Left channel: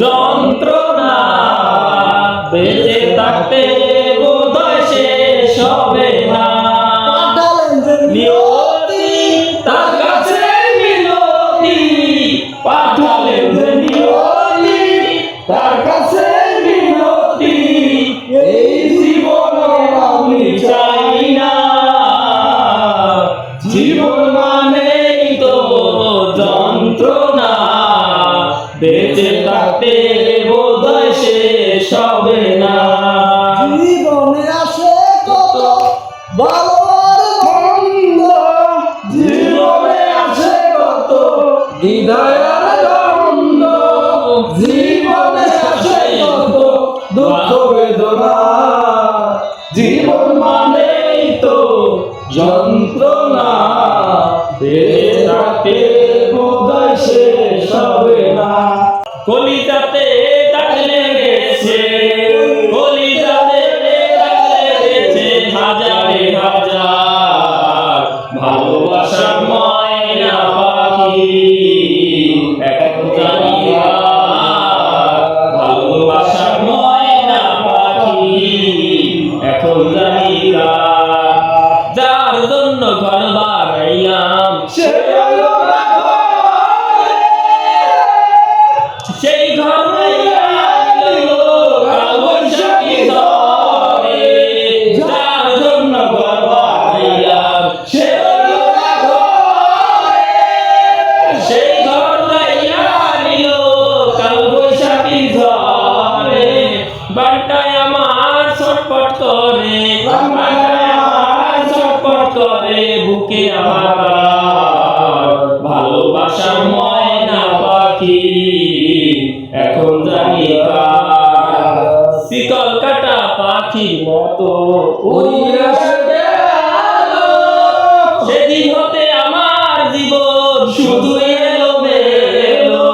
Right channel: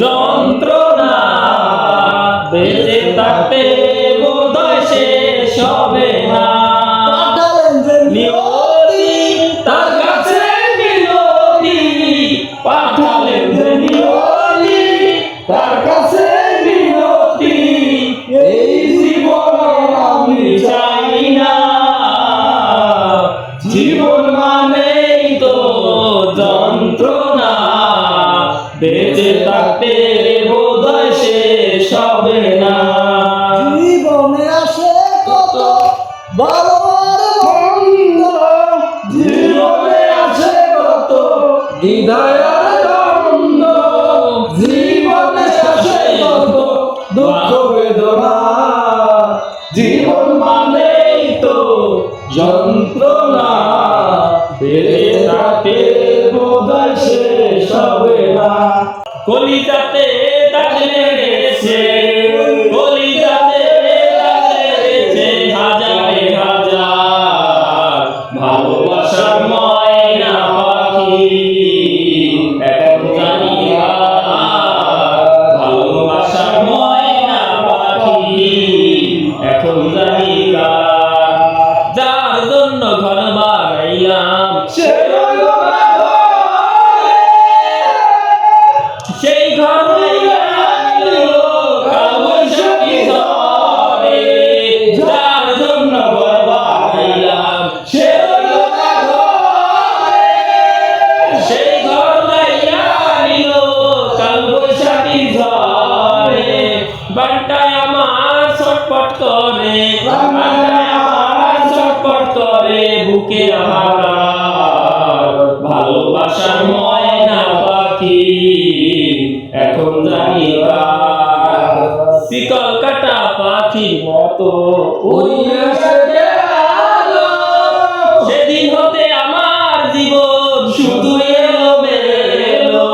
যন্ত্রণা বেঁচে থাকতে বোধহয় শেষ হবে না। নিয়তি তার কাছে মিনতি, পাঠালেন যে নিয়তি তার কাছে মিনতি। এই জীবন আমি চাই না। জীবন থাকতে বোধহয় শেষ হবে না। জীবনে আসে কত ভালো আর মন্দ জীবনে আছে কত দ্বিধার দ্বন্দ্ব জীবনে আছে কত দুঃখ বেদনা। জীবন মানেই তো যন্ত্রণা। বেড়ে থাকে বোধহয় শেষ হবে না। কলিজাতে দাগ লেগেছে কলিজাতে দাগ লেগেছে হাজারে হাজার ভালোবাসার ময়না পাখি এখন জানি ভালোবাসার ময়না পাখি এখন জানি। যার জন্য ঘর বানাইলাম, সে ছটপট করে। আমার ছটপট করে বুকে আমার ভালোবাসার ময়না পাখি এখন জানি শিকল কাটা পাখির মতো সেদিন হতে আমার জীবন শুধু এলো মেলো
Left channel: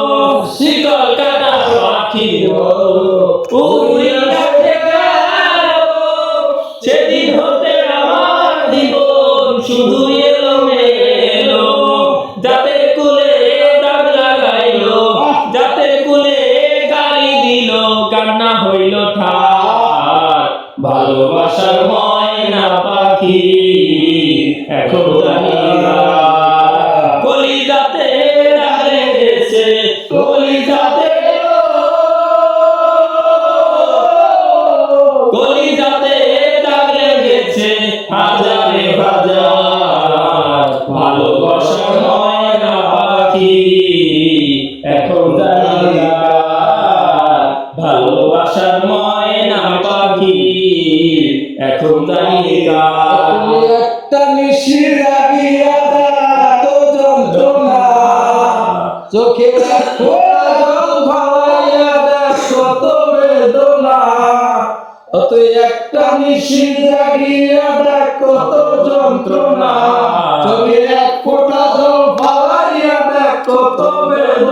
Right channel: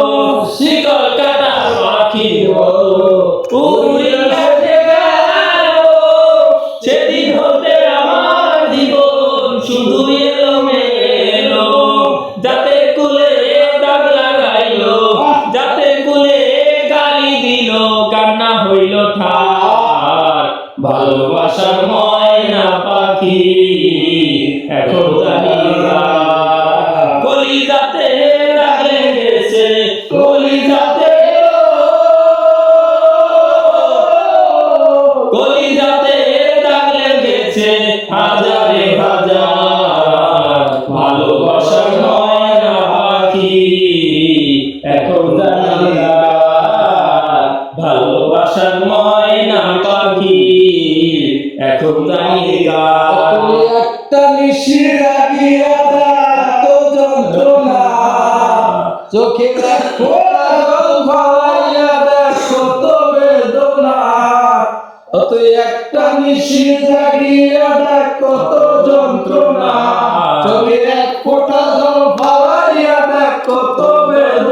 শিকল কাটা পাখির মতো কান্না হইল ঠার ভালোবাসার ময়না পাখি এখন জানি কলি যাতে দাগ লেগেছে কলি যাতে কলি যাতে দাগ হাজারে হাজার পাখি এখন তুমি একটা যন্ত্রণা। চোখে দেখো বেদনা। একটা নিশি জাগিয়া কত যন্ত্রণা। চোখে এক ফোঁটা জল ভালাইয়া দেখ কত বেদনা।